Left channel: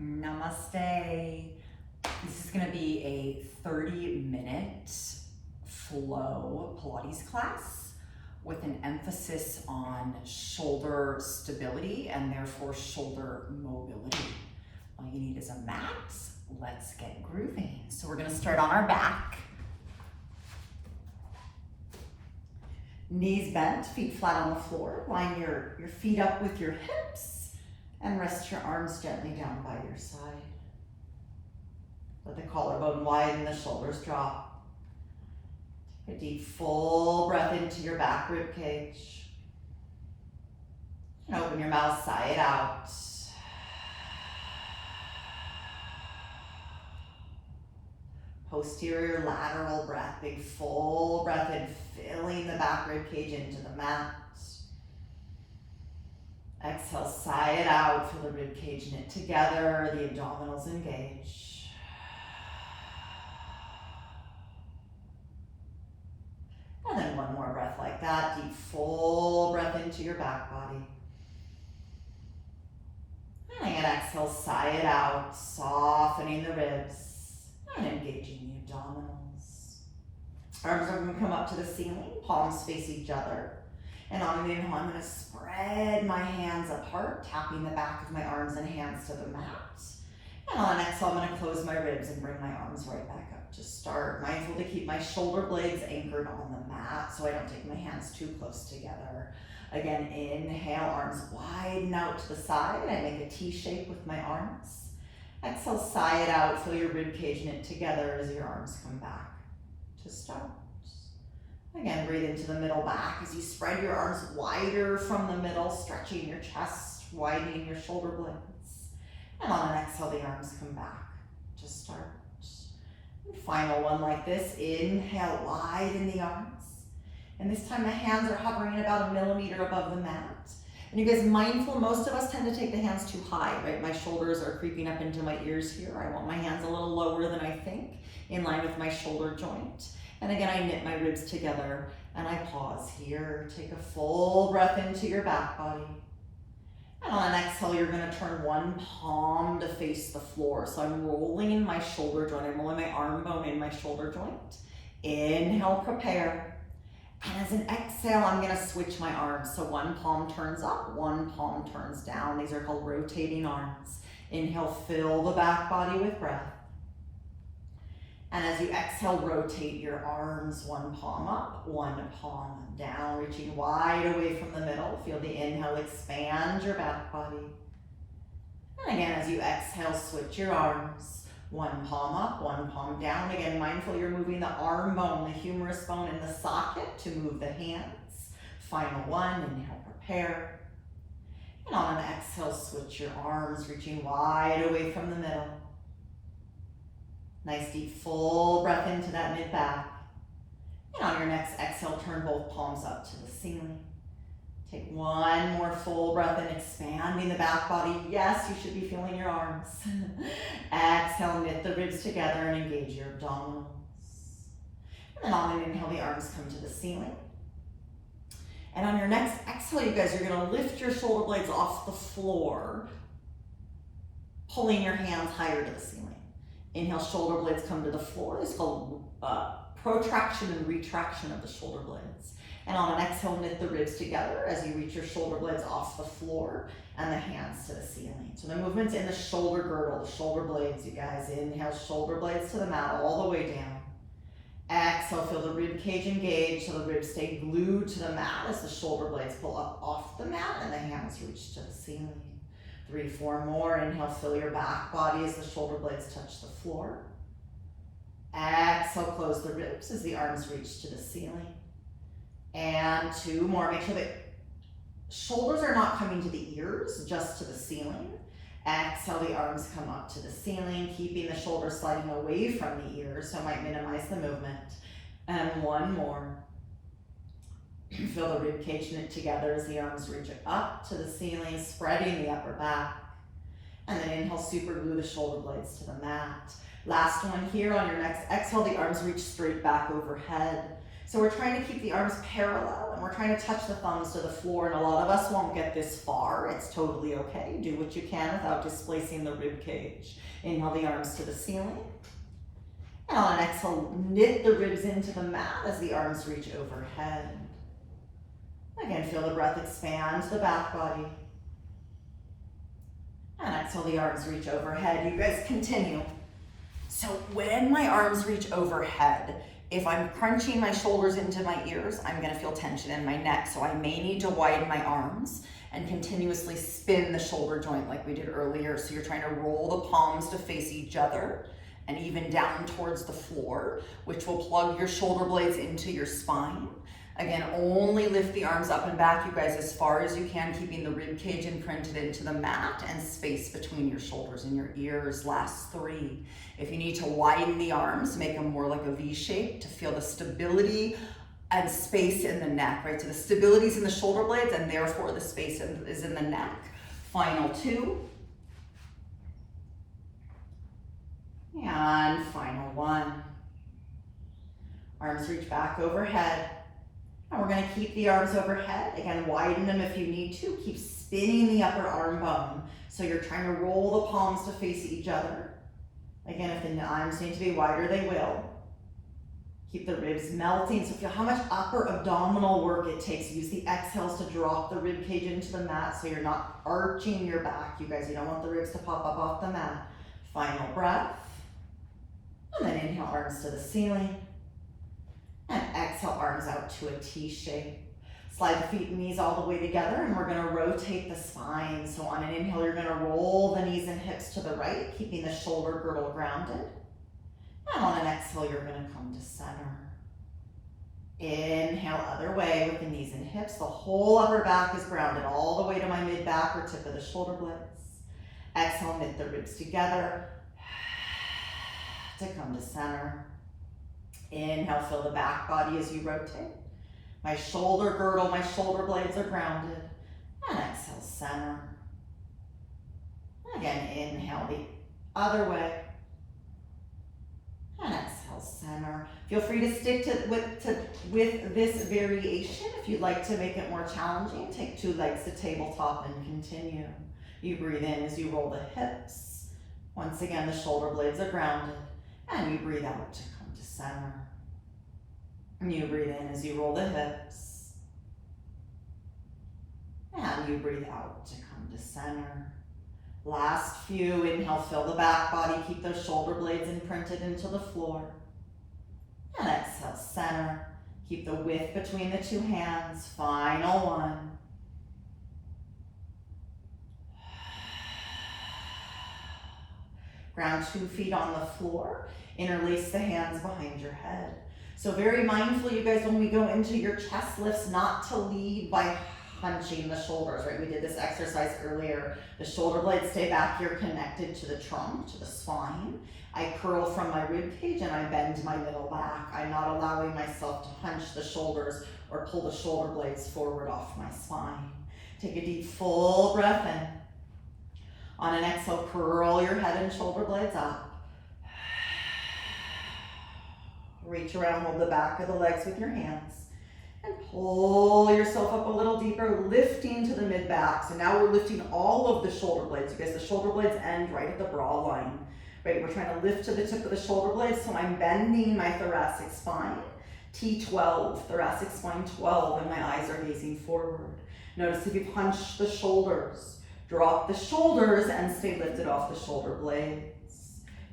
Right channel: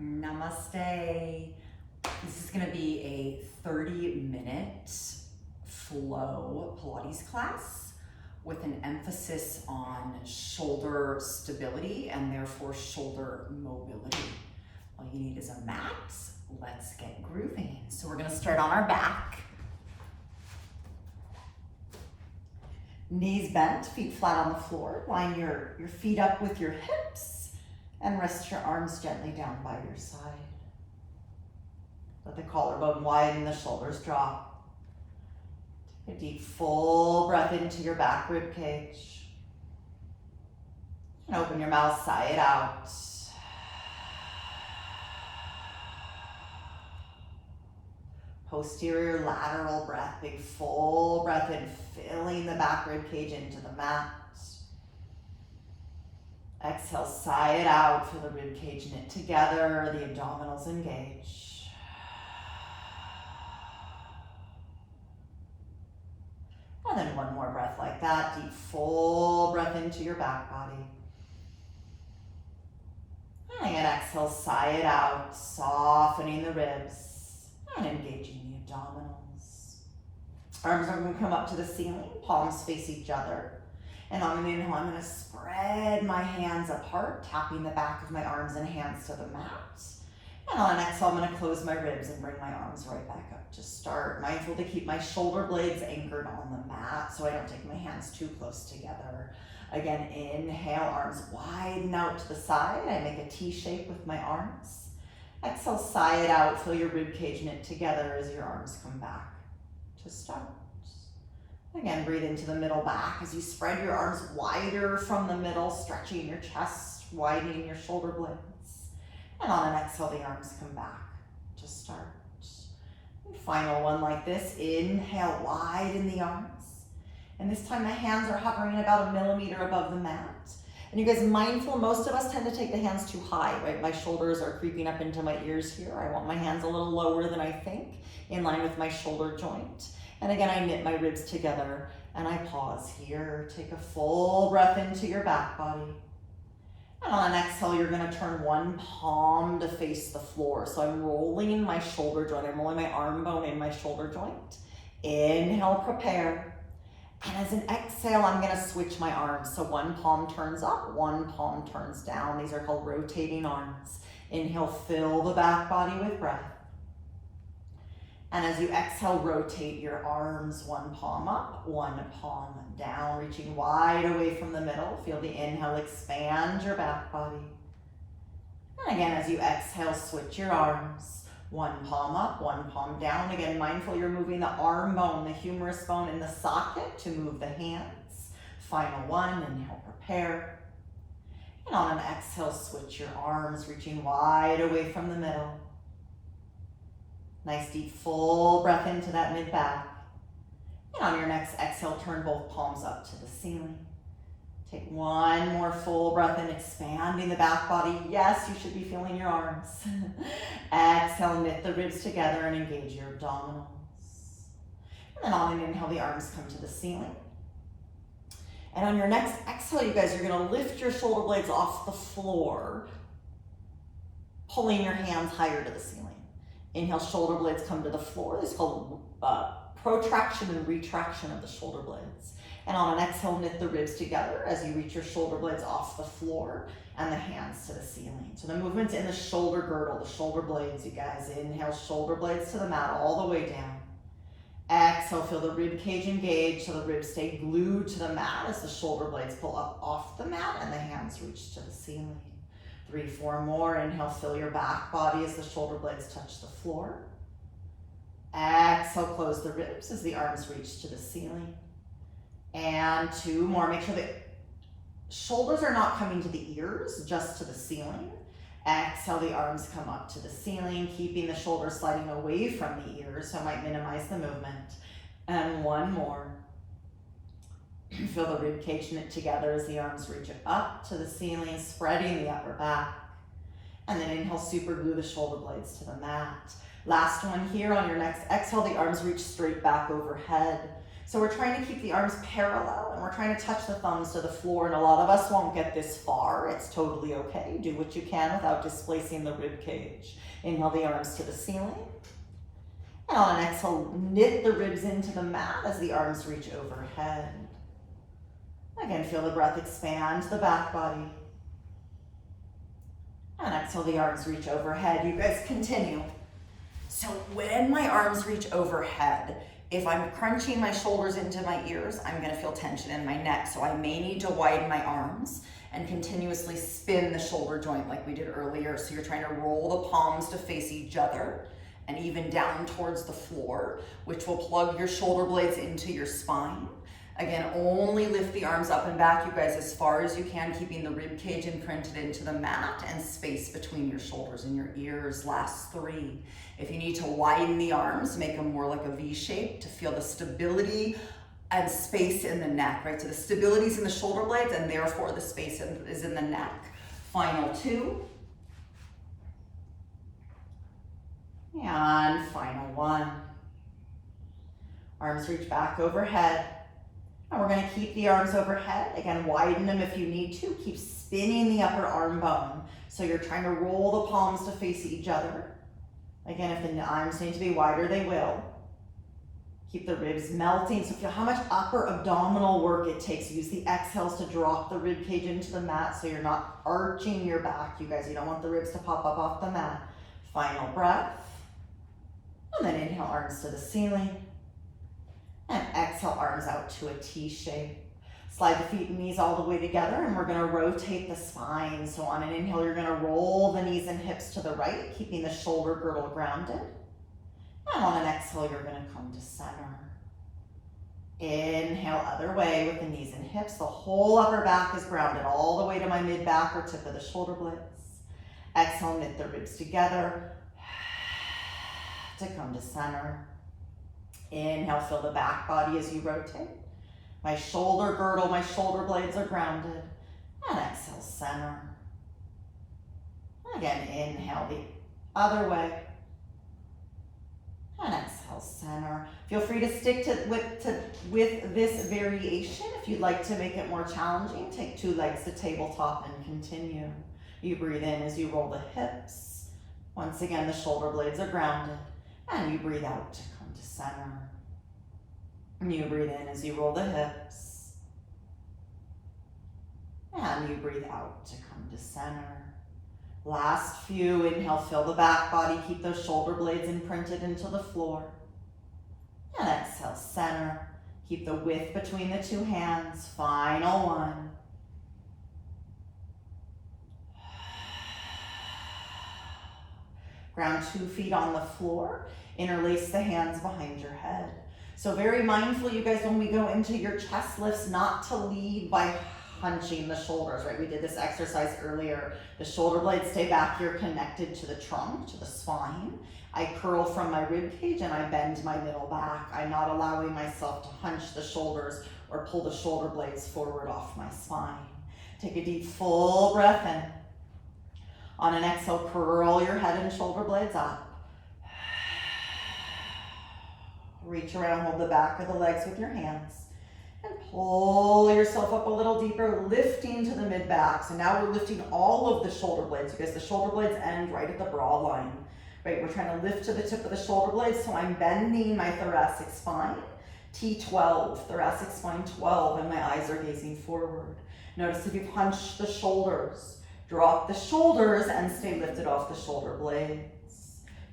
Namaste. This is going to be a 30-minute flow Pilates class with an emphasis on shoulder stability and therefore shoulder mobility. All you need is a mat. Let's get grooving. So we're going to start on our back. Knees bent, feet flat on the floor. Line your feet up with your hips and rest your arms gently down by your side. Let the collarbone widen, the shoulders drop. Take a deep, full breath into your back rib cage. And open your mouth, sigh it out. Posterior lateral breath, big full breath in, filling the back rib cage into the mat. Exhale, sigh it out, feel the rib cage knit together, the abdominals engage. And then one more breath like that, deep full breath into your back body. And again, exhale, sigh it out, softening the ribs and engaging the abdominals. Arms are going to come up to the ceiling, palms face each other. And on an inhale, I'm going to spread my hands apart, tapping the back of my arms and hands to the mat. And on an exhale, I'm going to close my ribs and bring my arms right back up to start. Mindful to keep my shoulder blades anchored on the mat so I don't take my hands too close together. Again, inhale, arms widen out to the side. I make a T shape with my arms. Exhale, sigh it out. Feel your rib cage knit together as your arms come back to start. Again, breathe into the middle back as you spread your arms wider from the middle, stretching your chest, widening your shoulder blades. And on an exhale, the arms come back to start. And final one like this. Inhale, widen the arms. And this time the hands are hovering about 1 millimeter above the mat. And you guys, mindful, most of us tend to take the hands too high, right? My shoulders are creeping up into my ears here. I want my hands a little lower than I think, in line with my shoulder joint. And again, I knit my ribs together and I pause here. Take a full breath into your back body. And on an exhale, you're gonna turn one palm to face the floor. So I'm rolling my shoulder joint. I'm rolling my arm bone in my shoulder joint. Inhale, prepare. And as an exhale, I'm gonna switch my arms. So one palm turns up, one palm turns down. These are called rotating arms. Inhale, fill the back body with breath. And as you exhale, rotate your arms, one palm up, one palm down, reaching wide away from the middle. Feel the inhale, expand your back body. And again, as you exhale, switch your arms. One palm up, one palm down. Again, mindful you're moving the arm bone, the humerus bone in the socket to move the hands. Final one, inhale, prepare. And on an exhale, switch your arms, reaching wide away from the middle. Nice deep full breath into that mid back. And on your next exhale, turn both palms up to the ceiling. Take one more full breath in, expanding the back body. Yes, you should be feeling your arms. Exhale, knit the ribs together and engage your abdominals. And then on an inhale, the arms come to the ceiling. And on your next exhale, you guys, you're gonna lift your shoulder blades off the floor, pulling your hands higher to the ceiling. Inhale, shoulder blades come to the floor. This is called protraction and retraction of the shoulder blades. And on an exhale, knit the ribs together as you reach your shoulder blades off the floor and the hands to the ceiling. So the movement's in the shoulder girdle, the shoulder blades, you guys. Inhale, shoulder blades to the mat all the way down. Exhale, feel the rib cage engage so the ribs stay glued to the mat as the shoulder blades pull up off the mat and the hands reach to the ceiling. 3, 4 more. Inhale, fill your back body as the shoulder blades touch the floor. Exhale, close the ribs as the arms reach to the ceiling. And 2 more. Make sure that shoulders are not coming to the ears, just to the ceiling. Exhale, the arms come up to the ceiling, keeping the shoulders sliding away from the ears, so I might minimize the movement. And 1 more. Feel the rib cage knit together as the arms reach up to the ceiling, spreading the upper back. And then inhale, super glue the shoulder blades to the mat. Last one here. On your next exhale, the arms reach straight back overhead. So we're trying to keep the arms parallel and we're trying to touch the thumbs to the floor, and a lot of us won't get this far. It's totally okay. Do what you can without displacing the rib cage. Inhale the arms to the ceiling. And on an exhale, knit the ribs into the mat as the arms reach overhead. Again, feel the breath expand the back body. And exhale, the arms reach overhead. You guys continue. So when my arms reach overhead, if I'm crunching my shoulders into my ears, I'm gonna feel tension in my neck. So I may need to widen my arms and continuously spin the shoulder joint like we did earlier. So you're trying to roll the palms to face each other and even down towards the floor, which will plug your shoulder blades into your spine. Again, only lift the arms up and back, you guys, as far as you can, keeping the rib cage imprinted into the mat and space between your shoulders and your ears. Last 3. If you need to widen the arms, make them more like a V shape to feel the stability and space in the neck, right? So the stability is in the shoulder blades and therefore the space is in the neck. Final 2. And final 1. Arms reach back overhead. And we're going to keep the arms overhead. Again, widen them if you need to. Keep spinning the upper arm bone. So you're trying to roll the palms to face each other. Again, if the arms need to be wider, they will. Keep the ribs melting. So feel how much upper abdominal work it takes. Use the exhales to drop the rib cage into the mat so you're not arching your back. You guys, you don't want the ribs to pop up off the mat. Final breath. And then inhale, arms to the ceiling. And exhale, arms out to a T shape. Slide the feet and knees all the way together, and we're gonna rotate the spine. So on an inhale, you're gonna roll the knees and hips to the right, keeping the shoulder girdle grounded. And on an exhale, you're gonna come to center. Inhale, other way with the knees and hips. The whole upper back is grounded all the way to my mid-back or tip of the shoulder blades. Exhale, knit the ribs together to come to center. Inhale, feel the back body as you rotate. My shoulder girdle, my shoulder blades are grounded. And exhale, center. Again, inhale the other way. And exhale, center. Feel free to stick with this variation. If you'd like to make it more challenging, take 2 legs to tabletop and continue. You breathe in as you roll the hips. Once again, the shoulder blades are grounded. And you breathe out to come to center. And you breathe in as you roll the hips. And you breathe out to come to center. Last few, inhale, fill the back body, keep those shoulder blades imprinted into the floor. And exhale, center. Keep the width between the 2 hands. Final 1. Ground 2 feet on the floor. Interlace the hands behind your head. So very mindful, you guys, when we go into your chest lifts, not to lead by hunching the shoulders, right? We did this exercise earlier. The shoulder blades stay back here connected to the trunk, to the spine. I curl from my rib cage and I bend my middle back. I'm not allowing myself to hunch the shoulders or pull the shoulder blades forward off my spine. Take a deep, full breath in. On an exhale, curl your head and shoulder blades up. Reach around, hold the back of the legs with your hands. And pull yourself up a little deeper, lifting to the mid-back. So now we're lifting all of the shoulder blades. You guys, the shoulder blades end right at the brow line. Right, we're trying to lift to the tip of the shoulder blades. So I'm bending my thoracic spine. T12, thoracic spine 12, and my eyes are gazing forward. Notice if you've hunched the shoulders, drop the shoulders and stay lifted off the shoulder blades.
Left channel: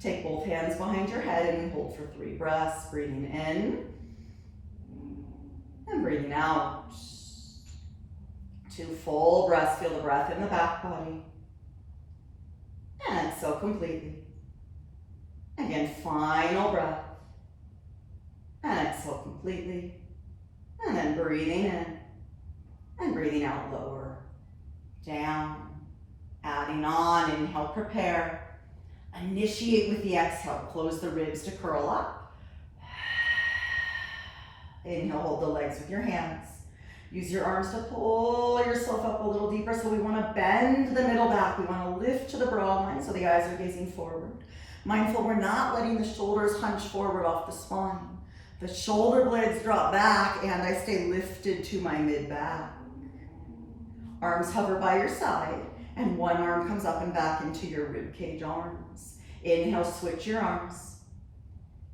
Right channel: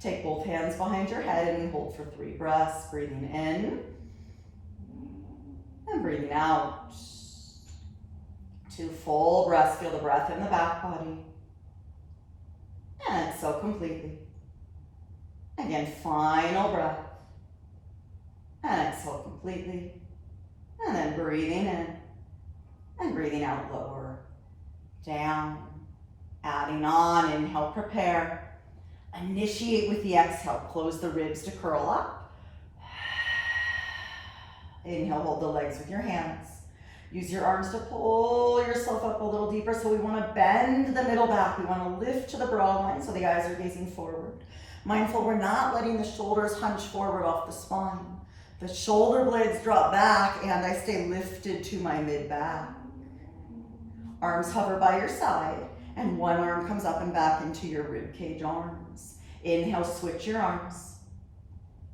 Take both hands behind your head and you hold for 3 breaths. Breathing in and breathing out. 2 full breaths. Feel the breath in the back body. And exhale completely. Again, final breath. And exhale completely. And then breathing in and breathing out lower. Down. Adding on. Inhale, prepare. Initiate with the exhale. Close the ribs to curl up. Inhale, hold the legs with your hands. Use your arms to pull yourself up a little deeper. So we want to bend the middle back. We want to lift to the brow line so the eyes are gazing forward. Mindful, we're not letting the shoulders hunch forward off the spine. The shoulder blades drop back and I stay lifted to my mid-back. Arms hover by your side and one arm comes up and back into your ribcage arms. Inhale, switch your arms.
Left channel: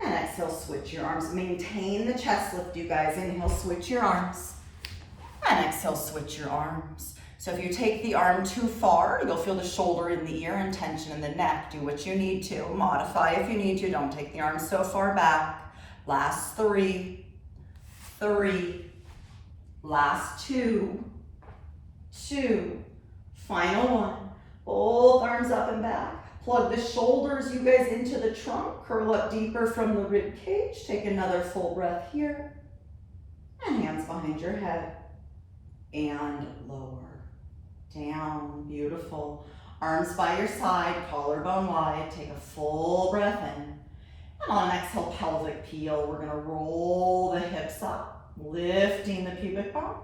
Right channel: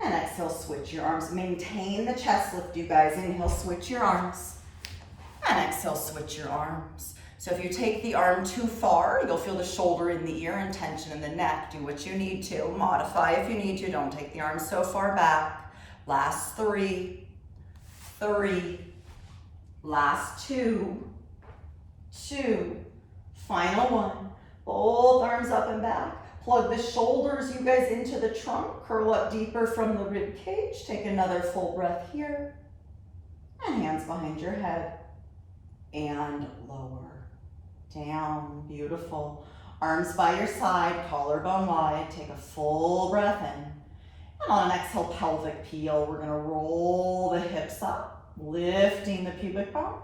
And exhale, switch your arms. Maintain the chest lift, you guys. Inhale, switch your arms. And exhale, switch your arms. So if you take the arm too far, you'll feel the shoulder in the ear and tension in the neck. Do what you need to. Modify if you need to. Don't take the arm so far back. Last 3, 3, last 2, 2, final 1. Both arms up and back. Plug the shoulders, you guys, into the trunk. Curl up deeper from the rib cage. Take another full breath here. And hands behind your head. And lower. Down. Beautiful. Arms by your side, collarbone wide. Take a full breath in. And on an exhale, pelvic peel, we're gonna roll the hips up, lifting the pubic bone.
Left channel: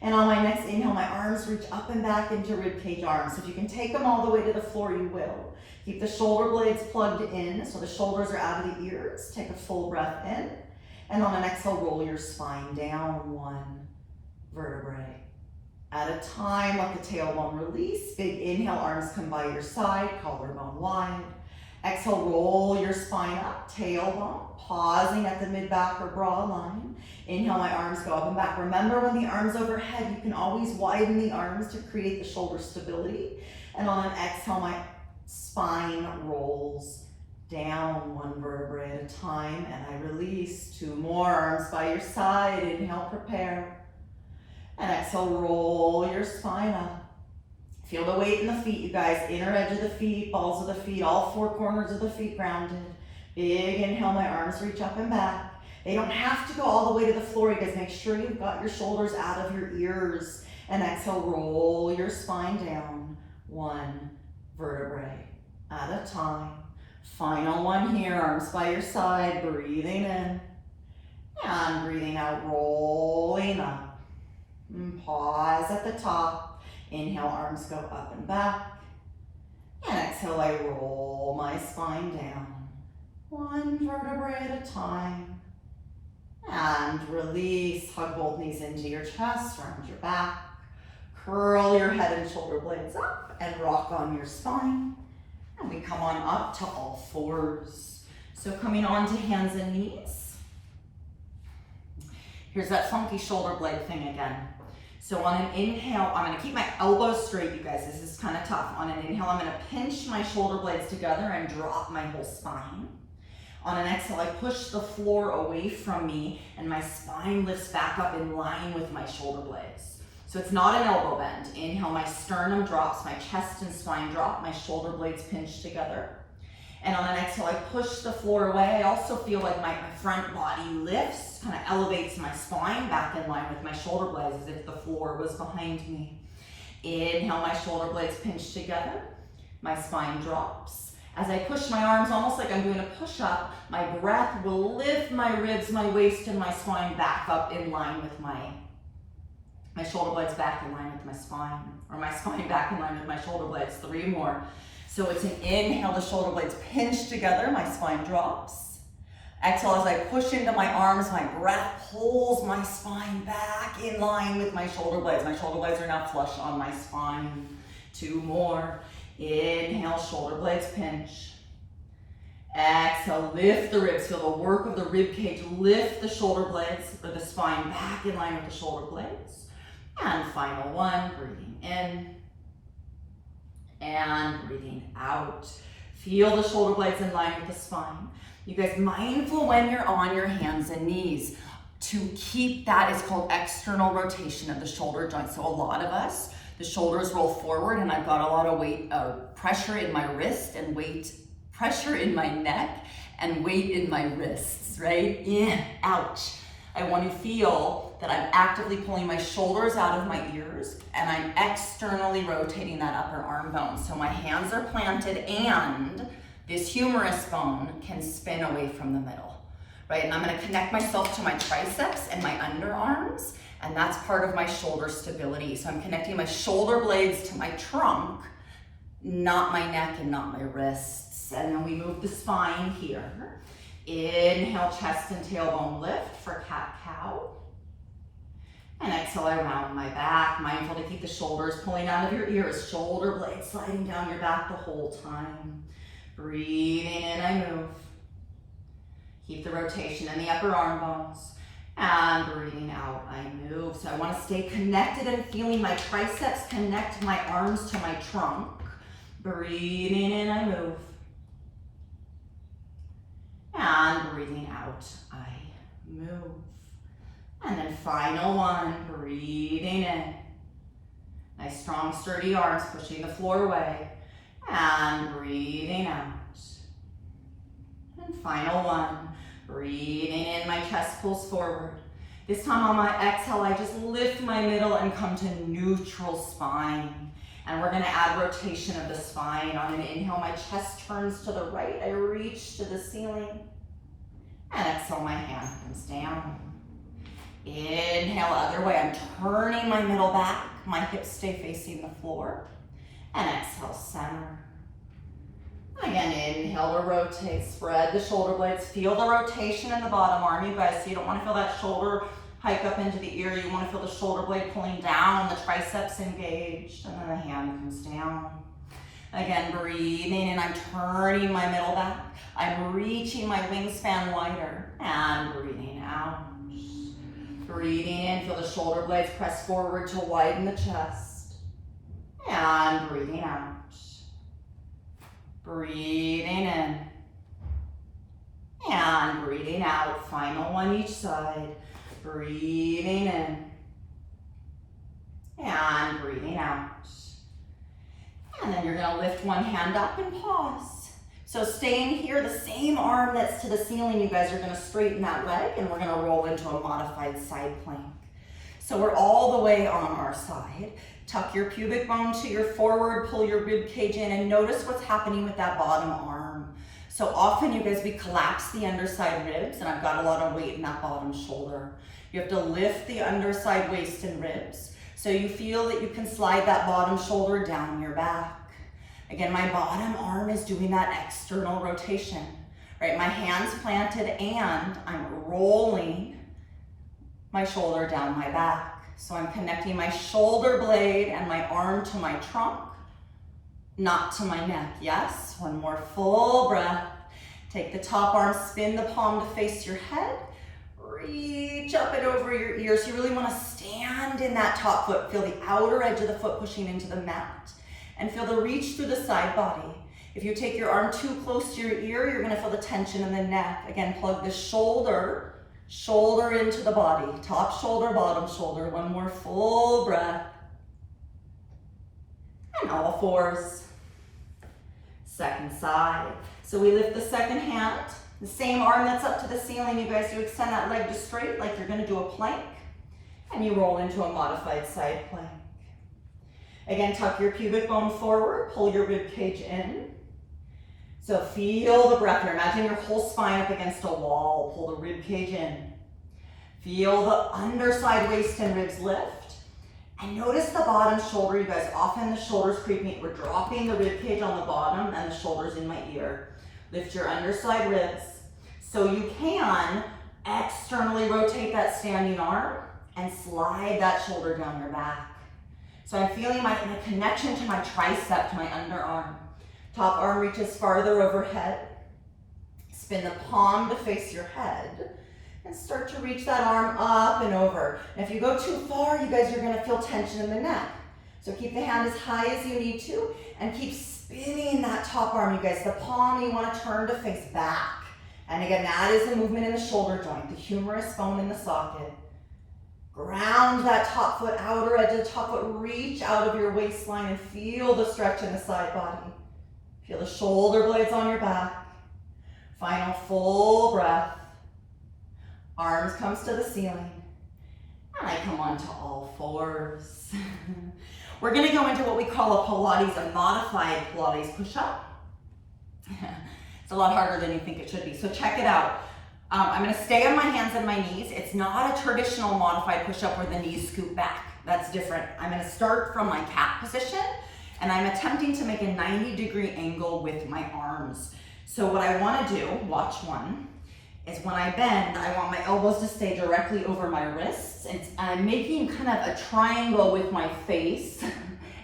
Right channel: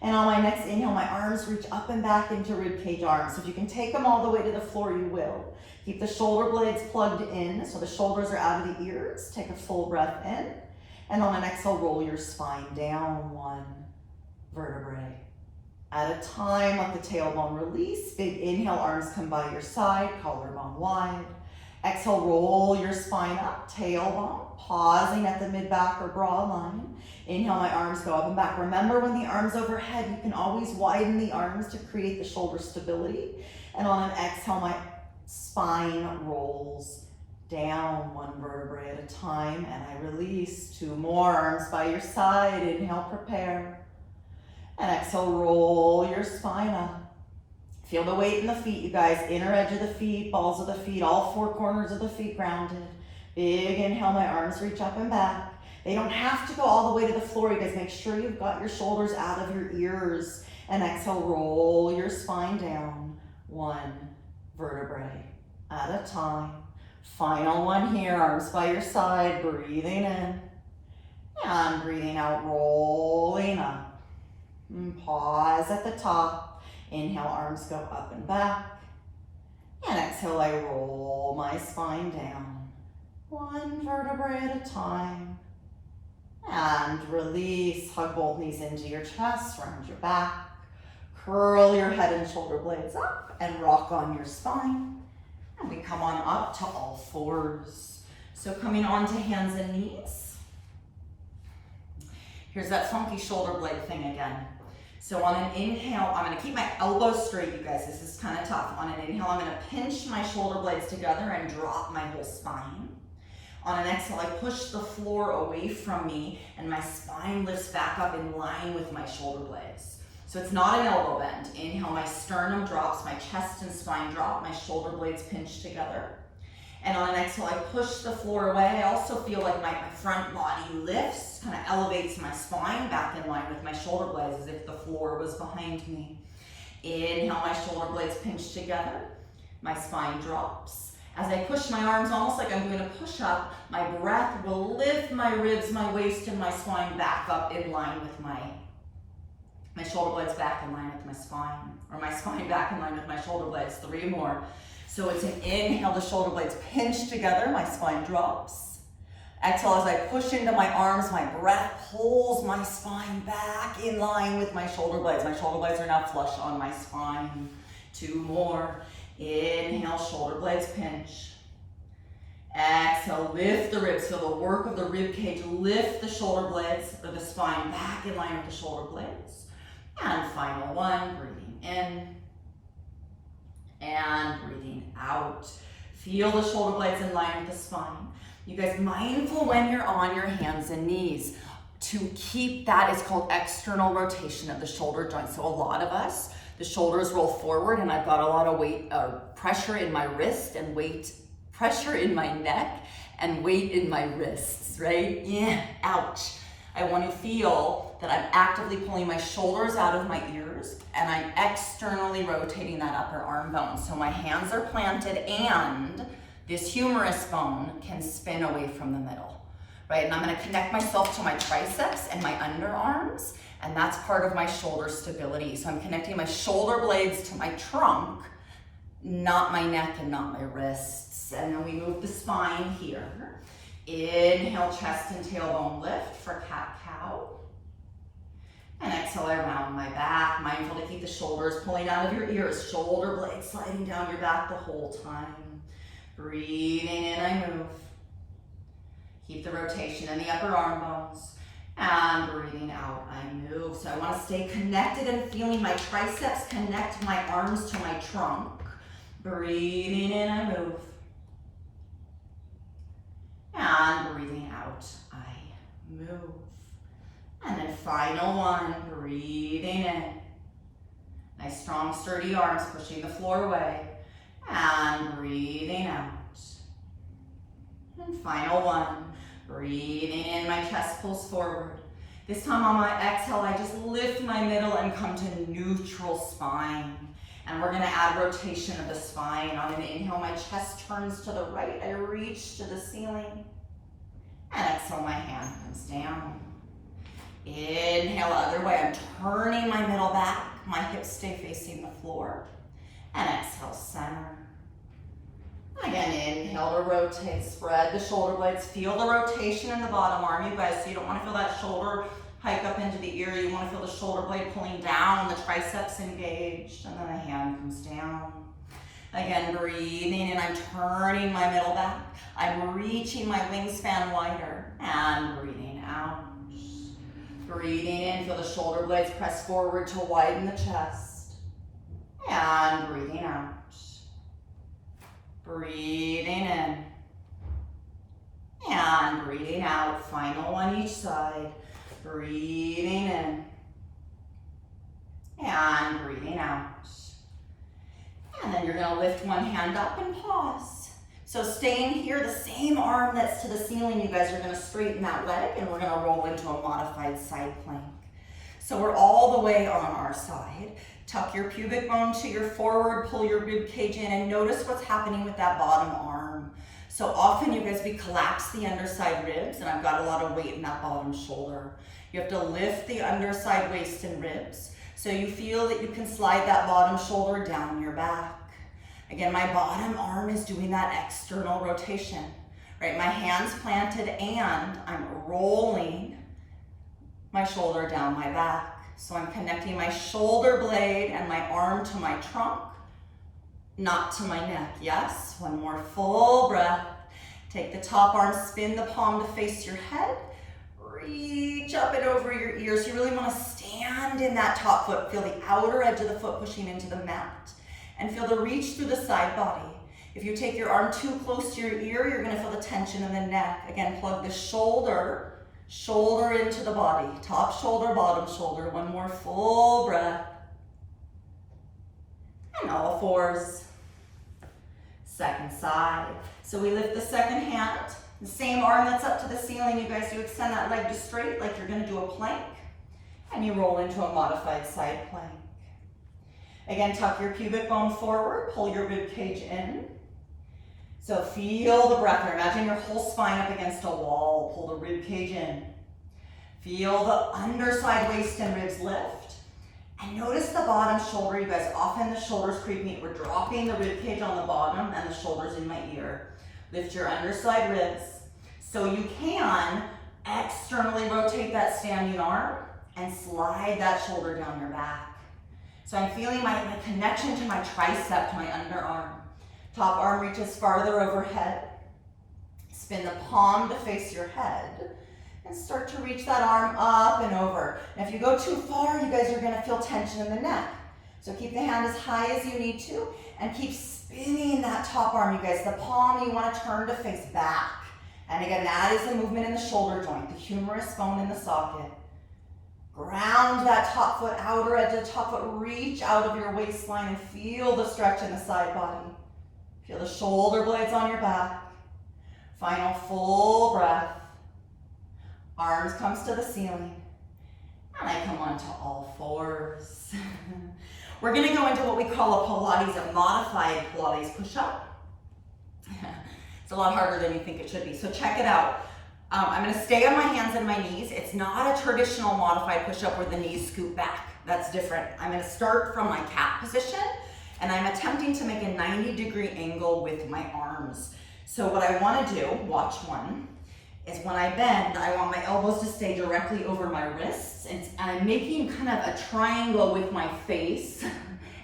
And on my next inhale, my arms reach up and back into ribcage arms. If you can take them all the way to the floor, you will. Keep the shoulder blades plugged in, so the shoulders are out of the ears. Take a full breath in. And on an exhale, roll your spine down 1 vertebrae at a time. Let the tailbone release. Big inhale, arms come by your side, collarbone wide. Exhale, roll your spine up, tailbone, pausing at the mid-back or broad line. Inhale, my arms go up and back. Remember, when the arm's overhead, you can always widen the arms to create the shoulder stability. And on an exhale, my spine rolls down 1 vertebrae at a time, and I release. 2 more, arms by your side. Inhale, prepare. And exhale, roll your spine up. Feel the weight in the feet, you guys. Inner edge of the feet, balls of the feet, all 4 corners of the feet grounded. Big inhale, my arms reach up and back. They don't have to go all the way to the floor. You guys make sure you've got your shoulders out of your ears. And exhale, roll your spine down 1 vertebrae at a time. Final 1 here, arms by your side, breathing in. And breathing out, rolling up. And pause at the top. Inhale, arms go up and back. And exhale, I roll my spine down 1 vertebrae at a time. And release, hug both knees into your chest, round your back. Curl your head and shoulder blades up and rock on your spine. And we come on up to all 4s. So coming on to hands and knees. Here's that funky shoulder blade thing again. So on an inhale, I'm gonna keep my elbows straight, you guys. This is kind of tough. On an inhale, I'm gonna pinch my shoulder blades together and drop my whole spine. On an exhale, I push the floor away from me and my spine lifts back up in line with my shoulder blades. So it's not an elbow bend. Inhale, my sternum drops, my chest and spine drop, my shoulder blades pinch together. And on an exhale, I push the floor away. I also feel like my front body lifts, kind of elevates my spine back in line with my shoulder blades as if the floor was behind me. Inhale, my shoulder blades pinch together. My spine drops. As I push my arms, almost like I'm doing a push-up, my breath will lift my ribs, my waist, and my spine back up in line with my shoulder blades back in line with my spine, or my spine back in line with my shoulder blades. 3 more. So it's an inhale, the shoulder blades pinch together, my spine drops. Exhale, as I push into my arms, my breath pulls my spine back in line with my shoulder blades. My shoulder blades are now flush on my spine. 2 more. Inhale, shoulder blades pinch. Exhale, lift the ribs. Feel the work of the rib cage. Lift the shoulder blades or the spine back in line with the shoulder blades. And final 1, breathing in. And breathing out. Feel the shoulder blades in line with the spine. You guys, mindful when you're on your hands and knees to keep that is called external rotation of the shoulder joint. So a lot of us, the shoulders roll forward and I've got a lot of weight, pressure in my wrist and pressure in my neck and weight in my wrists, right? Yeah, ouch. I want to feel that I'm actively pulling my shoulders out of my ears and I'm externally rotating that upper arm bone. So my hands are planted and this humerus bone can spin away from the middle, right? And I'm gonna connect myself to my triceps and my underarms, and that's part of my shoulder stability. So I'm connecting my shoulder blades to my trunk, not my neck and not my wrists. And then we move the spine here. Inhale, chest and tailbone lift for cat-cow. And exhale, I round my back. Mindful to keep the shoulders pulling out of your ears. Shoulder blades sliding down your back the whole time. Breathing in, I move. Keep the rotation in the upper arm bones. And breathing out, I move. So I want to stay connected and feeling my triceps connect my arms to my trunk. Breathing in, I move. And breathing out, I move. And then final one, breathing in. Nice strong sturdy arms pushing the floor away. And breathing out. And final one, breathing in, my chest pulls forward. This time on my exhale, I just lift my middle and come to neutral spine. And we're gonna add rotation of the spine. On an inhale, my chest turns to the right. I reach to the ceiling. And exhale, my hand comes down. Inhale, other way. I'm turning my middle back. My hips stay facing the floor. And exhale, center. Again, inhale to rotate. Spread the shoulder blades. Feel the rotation in the bottom arm, you guys. So you don't want to feel that shoulder hike up into the ear. You want to feel the shoulder blade pulling down, the triceps engaged, and then the hand comes down. Again, breathing in. I'm turning my middle back. I'm reaching my wingspan wider. And breathing out. Breathing in, feel the shoulder blades press forward to widen the chest. And breathing out. Breathing in. And breathing out. Final one each side. Breathing in. And breathing out. And then you're gonna lift one hand up and pause. So staying here, the same arm that's to the ceiling, you guys are gonna straighten that leg and we're gonna roll into a modified side plank. So we're all the way on our side. Tuck your pubic bone to your forward, pull your rib cage in, and notice what's happening with that bottom arm. So often, you guys, we collapse the underside ribs, and I've got a lot of weight in that bottom shoulder. You have to lift the underside waist and ribs, so you feel that you can slide that bottom shoulder down your back. Again, my bottom arm is doing that external rotation, right? My hands planted and I'm rolling my shoulder down my back. So I'm connecting my shoulder blade and my arm to my trunk, not to my neck. Yes, one more full breath. Take the top arm, spin the palm to face your head. Reach up and over your ears. You really want to stand in that top foot. Feel the outer edge of the foot pushing into the mat. And feel the reach through the side body. If you take your arm too close to your ear, you're gonna feel the tension in the neck. Again, plug the shoulder into the body. Top shoulder, bottom shoulder. One more full breath. And all fours. Second side. So we lift the second hand. The same arm that's up to the ceiling, you guys, you extend that leg just straight like you're gonna do a plank. And you roll into a modified side plank. Again, tuck your pubic bone forward, pull your rib cage in. So feel the breath here. Imagine your whole spine up against a wall. Pull the rib cage in. Feel the underside waist and ribs lift. And notice the bottom shoulder, you guys. Often the shoulders creeping. We're dropping the rib cage on the bottom and the shoulders in my ear. Lift your underside ribs. So you can externally rotate that standing arm and slide that shoulder down your back. So I'm feeling my connection to my tricep, to my underarm. Top arm reaches farther overhead. Spin the palm to face your head and start to reach that arm up and over. And if you go too far, you guys are gonna feel tension in the neck. So keep the hand as high as you need to and keep spinning that top arm, you guys. The palm you wanna turn to face back. And again, that is the movement in the shoulder joint, the humerus bone in the socket. Ground that top foot, outer edge of the top foot, reach out of your waistline and feel the stretch in the side body. Feel the shoulder blades on your back. Final full breath. Arms comes to the ceiling. And I come onto all fours. We're gonna go into what we call a Pilates, a modified Pilates push-up. It's a lot harder than you think it should be, so check it out. I'm gonna stay on my hands and my knees. It's not a traditional modified push-up where the knees scoop back. That's different. I'm gonna start from my cat position and I'm attempting to make a 90-degree angle with my arms. So what I wanna do, watch one, is when I bend, I want my elbows to stay directly over my wrists. And I'm making kind of a triangle with my face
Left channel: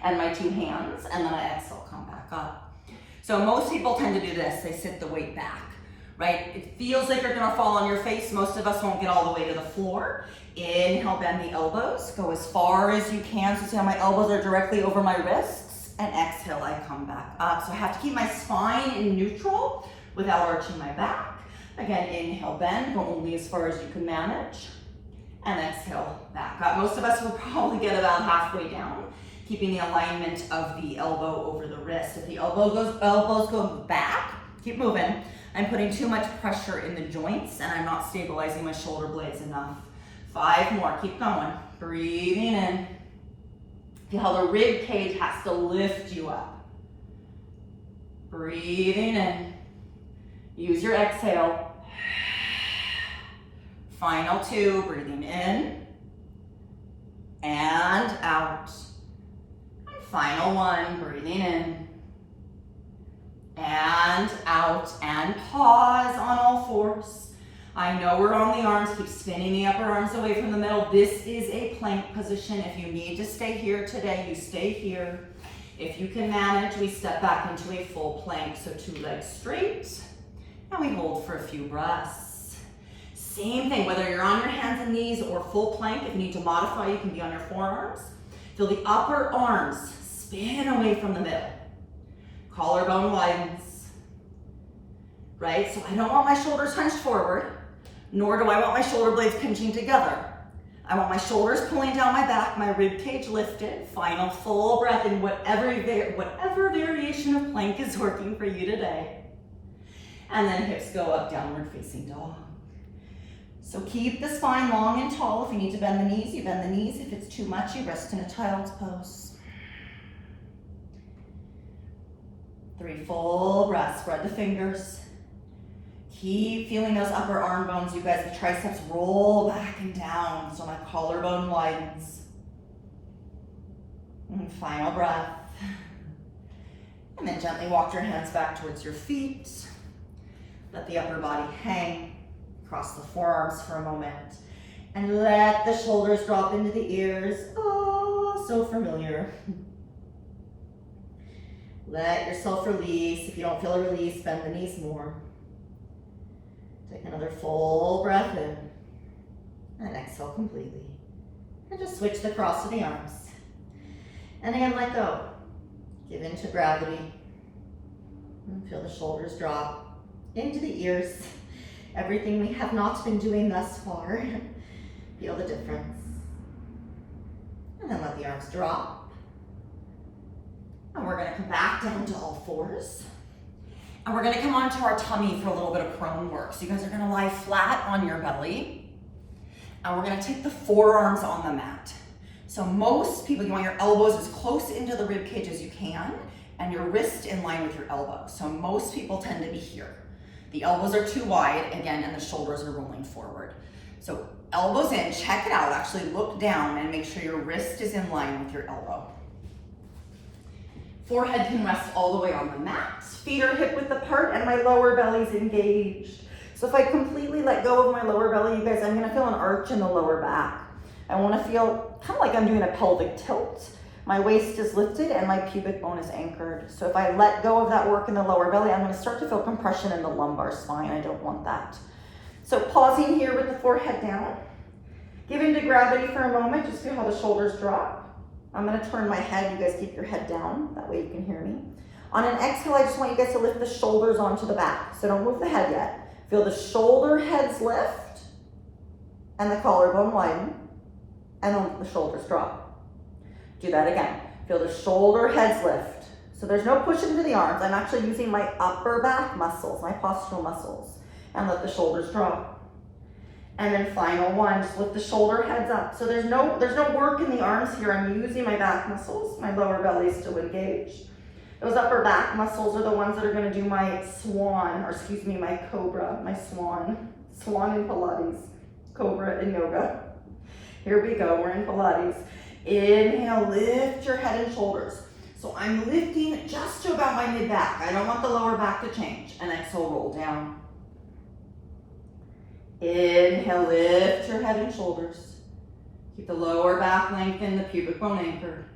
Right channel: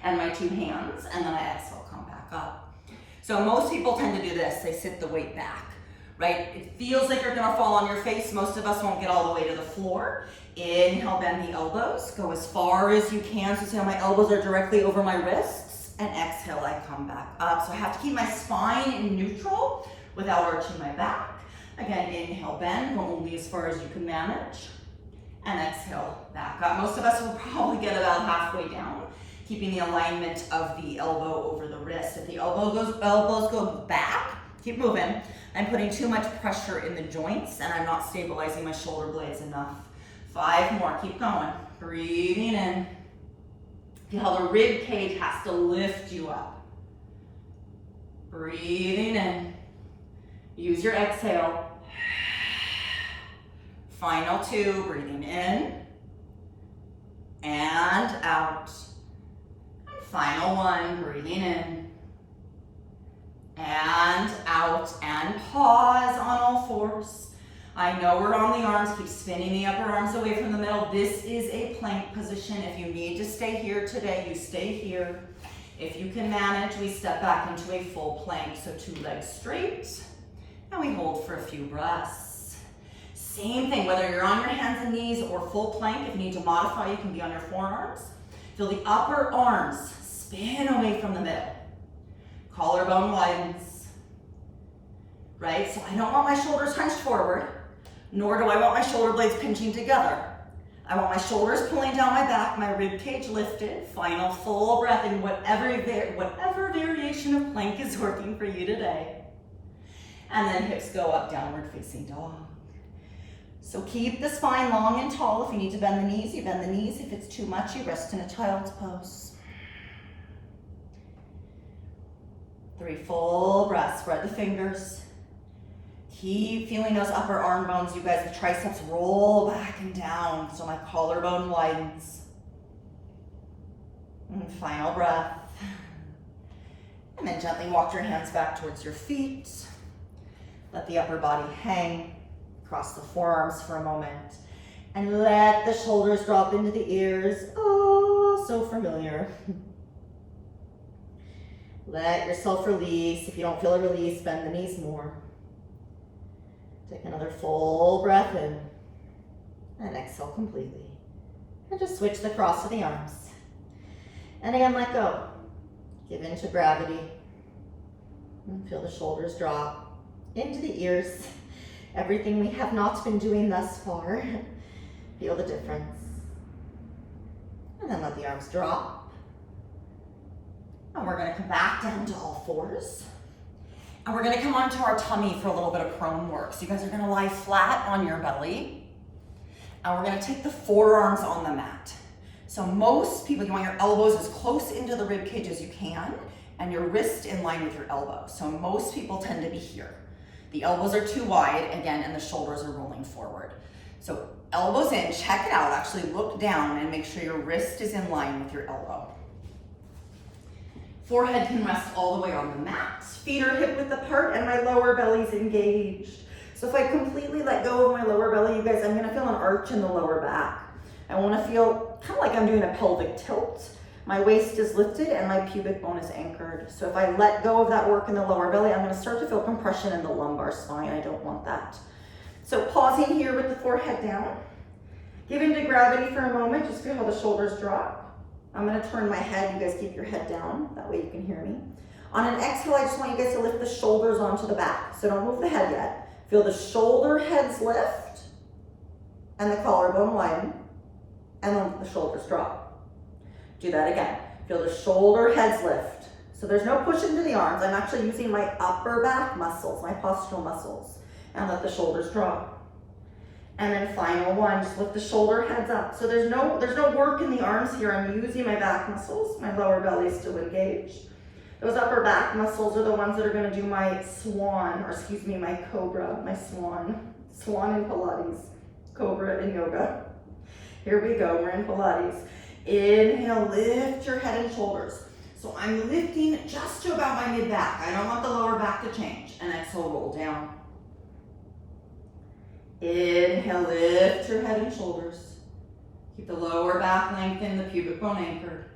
and my two hands, and then I exhale, come back up. So most people tend to do this. They sit the weight back, right? It feels like you're gonna fall on your face. Most of us won't get all the way to the floor. Inhale, bend the elbows. Go as far as you can. So see how my elbows are directly over my wrists. And exhale, I come back up. So I have to keep my spine in neutral without arching my back. Again, inhale, bend, go only as far as you can manage. And exhale, back up. Most of us will probably get about halfway down, keeping the alignment of the elbow over the wrist. If the elbows go back, keep moving. I'm putting too much pressure in the joints and I'm not stabilizing my shoulder blades enough. 5 more, keep going. Breathing in. Feel how the rib cage has to lift you up. Breathing in. Use your exhale. Final 2, breathing in and out. And final 1, breathing in and out, and pause on all 4s. I know we're on the arms, keep spinning the upper arms away from the middle. This is a plank position. If you need to stay here today, you stay here. If you can manage, we step back into a full plank. So 2 legs straight, and we hold for a few breaths. Same thing, whether you're on your hands and knees or full plank. If you need to modify, you can be on your forearms. Feel the upper arms spin away from the middle. Collarbone widens, right? So I don't want my shoulders hunched forward, nor do I want my shoulder blades pinching together. I want my shoulders pulling down my back, my rib cage lifted. Final full breath in whatever variation of plank is working for you today. And then hips go up, downward facing dog. So keep the spine long and tall. If you need to bend the knees, you bend the knees. If it's too much, you rest in a child's pose. 3 full breaths, spread the fingers. Keep feeling those upper arm bones, you guys. The triceps roll back and down, so my collarbone widens. And final breath. And then gently walk your hands back towards your feet. Let the upper body hang. Cross the forearms for a moment. And let the shoulders drop into the ears. Oh, so familiar. Let yourself release. If you don't feel a release, bend the knees more. Take another full breath in. And exhale completely. And just switch the cross of the arms. And again, let go. Give into gravity. And feel the shoulders drop into the ears. Everything we have not been doing thus far. Feel the difference. And then let the arms drop. And we're gonna come back down to all 4s. And we're gonna come onto our tummy for a little bit of prone work. So you guys are gonna lie flat on your belly. And we're gonna take the forearms on the mat. So most people, you want your elbows as close into the rib cage as you can, and your wrist in line with your elbow. So most people tend to be here. The elbows are too wide, again, and the shoulders are rolling forward. So elbows in, check it out. Actually look down and make sure your wrist is in line with your elbow. Forehead can rest all the way on the mat. Feet are hip width apart and my lower belly's engaged. So if I completely let go of my lower belly, you guys, I'm gonna feel an arch in the lower back. I wanna feel kind of like I'm doing a pelvic tilt. My waist is lifted and my pubic bone is anchored. So if I let go of that work in the lower belly, I'm gonna start to feel compression in the lumbar spine. I don't want that. So pausing here with the forehead down. Give into gravity for a moment, just feel how the shoulders drop. I'm gonna turn my head, you guys keep your head down, that way you can hear me. On an exhale, I just want you guys to lift the shoulders onto the back. So don't move the head yet. Feel the shoulder heads lift and the collarbone widen, and then the shoulders drop. Do that again. Feel the shoulder heads lift. So there's no push into the arms. I'm actually using my upper back muscles, my postural muscles, and let the shoulders drop. And then final 1, just lift the shoulder heads up. So there's no work in the arms here. I'm using my back muscles. My lower belly is still engaged. Those upper back muscles are the ones that are gonna do my swan, or excuse me, my cobra, my swan. Swan in Pilates, cobra in yoga. Here we go, we're in Pilates. Inhale, lift your head and shoulders. So I'm lifting just to about my mid-back. I don't want the lower back to change. And exhale, roll down. Inhale, lift your head and shoulders. Keep the lower back lengthened, the pubic bone anchored.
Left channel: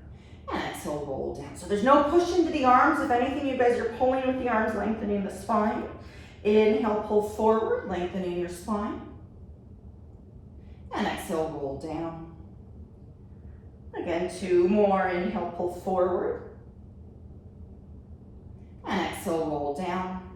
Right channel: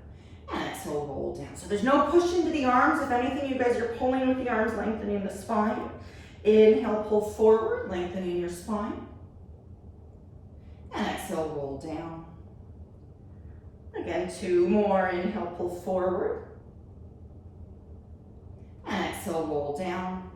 And exhale, roll down. So there's no push into the arms. If anything, you guys are pulling with the arms, lengthening the spine. Inhale, pull forward, lengthening your spine. And exhale, roll down. Again, 2 more. Inhale, pull forward. And exhale, roll down.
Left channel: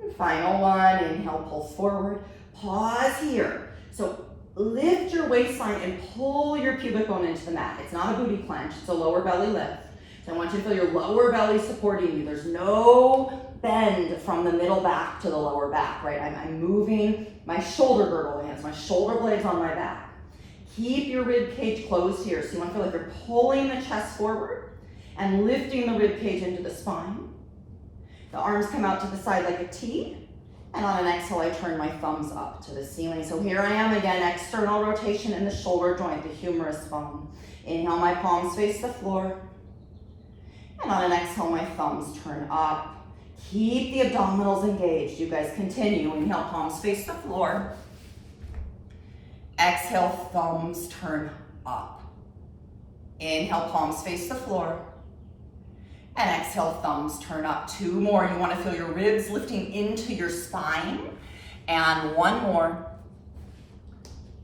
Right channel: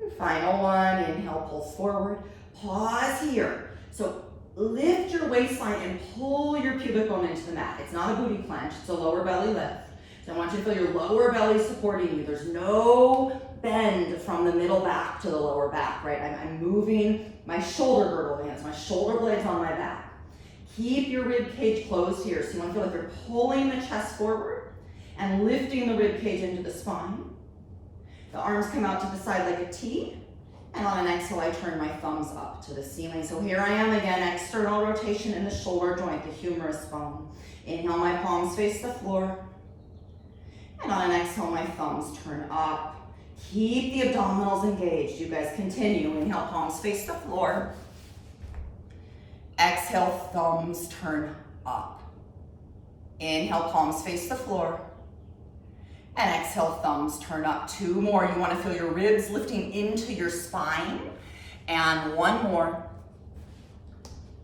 And final one. Inhale, pull forward. Pause here. So lift your waistline and pull your pubic bone into the mat. It's not a booty clench, it's a lower belly lift. So I want you to feel your lower belly supporting you. There's no bend from the middle back to the lower back, right? I'm moving my shoulder girdle in, so my shoulder blades on my back. Keep your rib cage closed here. So you want to feel like you're pulling the chest forward and lifting the rib cage into the spine. The arms come out to the side like a T. And on an exhale, I turn my thumbs up to the ceiling. So here I am again, external rotation in the shoulder joint, the humerus bone. Inhale, my palms face the floor. And on an exhale, my thumbs turn up. Keep the abdominals engaged. You guys continue. Inhale, palms face the floor. Exhale, thumbs turn up. Inhale, palms face the floor. And exhale, thumbs turn up. 2 more. You want to feel your ribs lifting into your spine. And 1 more.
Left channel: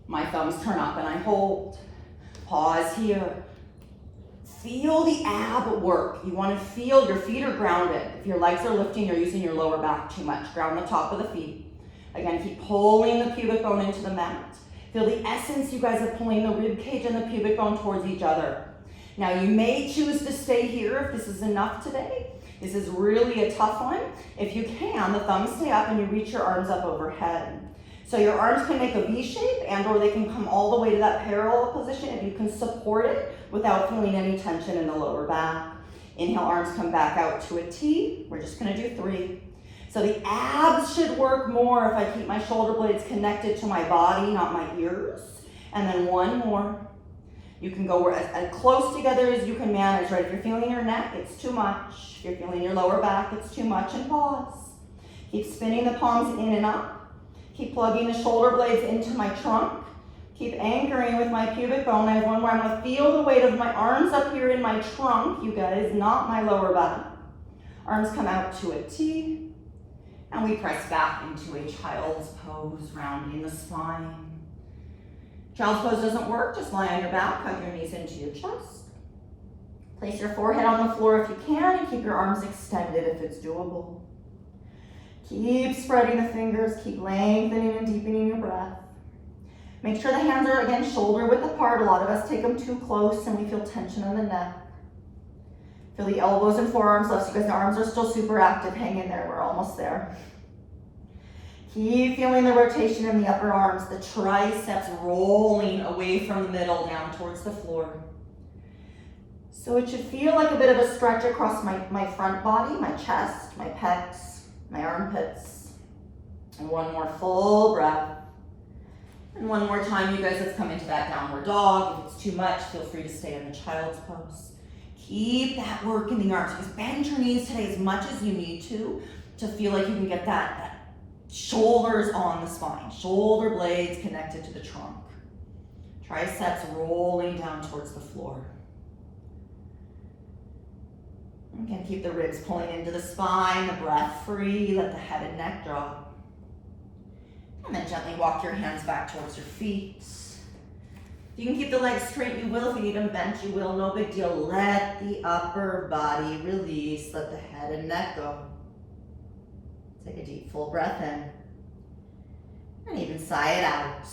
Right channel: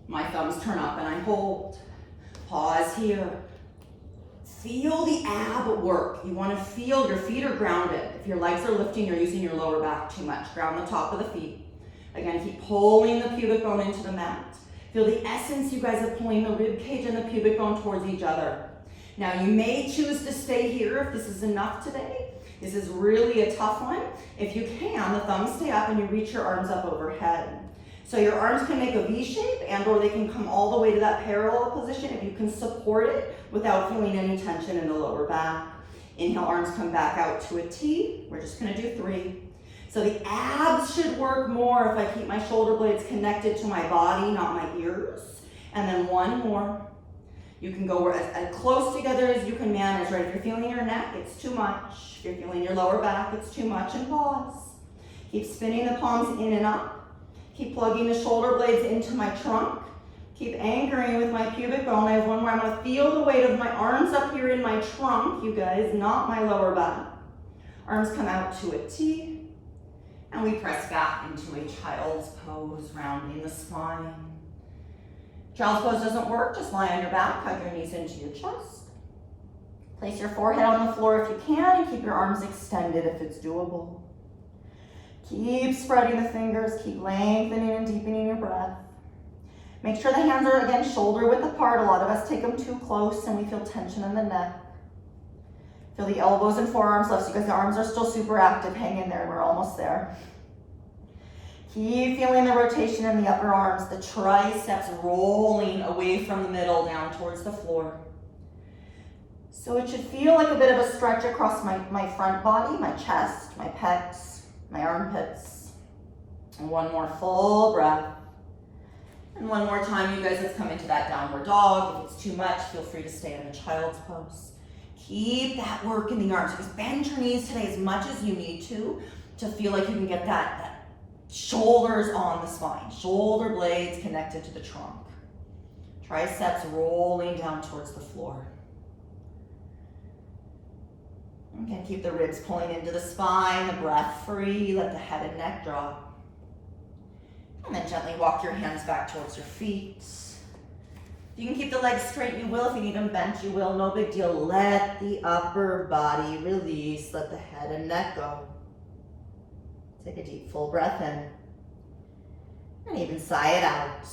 My thumbs turn up and I hold. Pause here. Feel the ab work. You want to feel your feet are grounded. If your legs are lifting, you're using your lower back too much. Ground the top of the feet. Again, keep pulling the pubic bone into the mat. Feel the essence, you guys, of pulling the rib cage and the pubic bone towards each other. Now you may choose to stay here if this is enough today. This is really a tough one. If you can, the thumbs stay up and you reach your arms up overhead. So your arms can make a V shape and or they can come all the way to that parallel position if you can support it without feeling any tension in the lower back. Inhale, arms come back out to a T. We're just gonna do 3. So the abs should work more if I keep my shoulder blades connected to my body, not my ears. And then 1 more. You can go as close together as you can manage, right? If you're feeling your neck, it's too much. If you're feeling your lower back, it's too much, and pause. Keep spinning the palms in and up. Keep plugging the shoulder blades into my trunk. Keep anchoring with my pubic bone. I have 1 more. I'm gonna feel the weight of my arms up here in my trunk, you guys, not my lower back. Arms come out to a T. And we press back into a child's pose, rounding the spine. Child's pose doesn't work, just lie on your back, hug your knees into your chest. Place your forehead on the floor if you can, and keep your arms extended if it's doable. Keep spreading the fingers, keep lengthening and deepening your breath. Make sure the hands are, again, shoulder width apart. A lot of us take them too close and we feel tension in the neck. Feel the elbows and forearms lifts. You guys, the arms are still super active. Hang in there, we're almost there. Keep feeling the rotation in the upper arms, the triceps rolling away from the middle down towards the floor. So it should feel like a bit of a stretch across my front body, my chest, my pecs, my armpits. And 1 more full breath. And 1 more time, you guys, let's come into that downward dog. If it's too much, feel free to stay in the child's pose. Keep that work in the arms. Just bend your knees today as much as you need to feel like you can get that shoulders on the spine, shoulder blades connected to the trunk. Triceps rolling down towards the floor. Again, keep the ribs pulling into the spine, the breath free, let the head and neck drop. And then gently walk your hands back towards your feet. If you can keep the legs straight, you will. If you need them bent, you will. No big deal. Let the upper body release. Let the head and neck go. Take a deep, full breath in. And even sigh it out.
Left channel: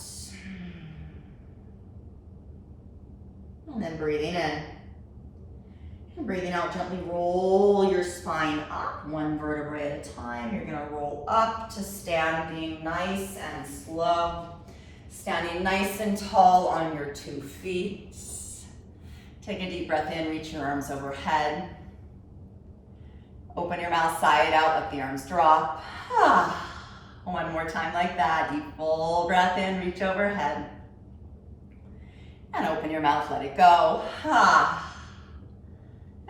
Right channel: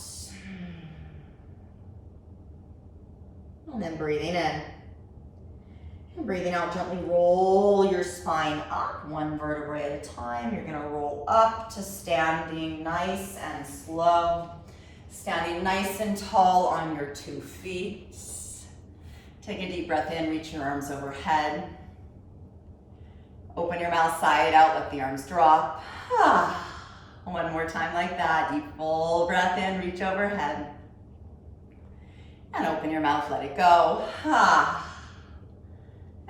And then breathing in. And breathing out, gently roll your spine up, 1 vertebrae at a time. You're gonna roll up to standing nice and slow. Standing nice and tall on your 2 feet. Take a deep breath in, reach your arms overhead. Open your mouth, sigh it out, let the arms drop. 1 more time like that. Deep, full breath in, reach overhead. And open your mouth, let it go.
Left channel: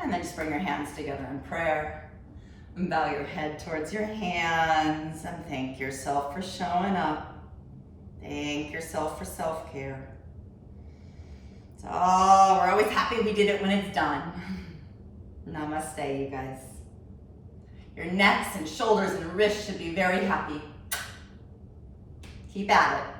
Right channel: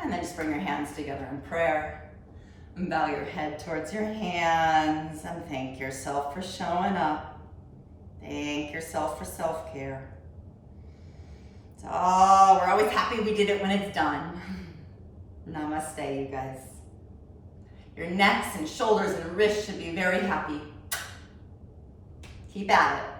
And then just bring your hands together in prayer. And bow your head towards your hands and thank yourself for showing up. Thank yourself for self-care. Oh, we're always happy we did it when it's done. Namaste, you guys. Your necks and shoulders and wrists should be very happy. Keep at it.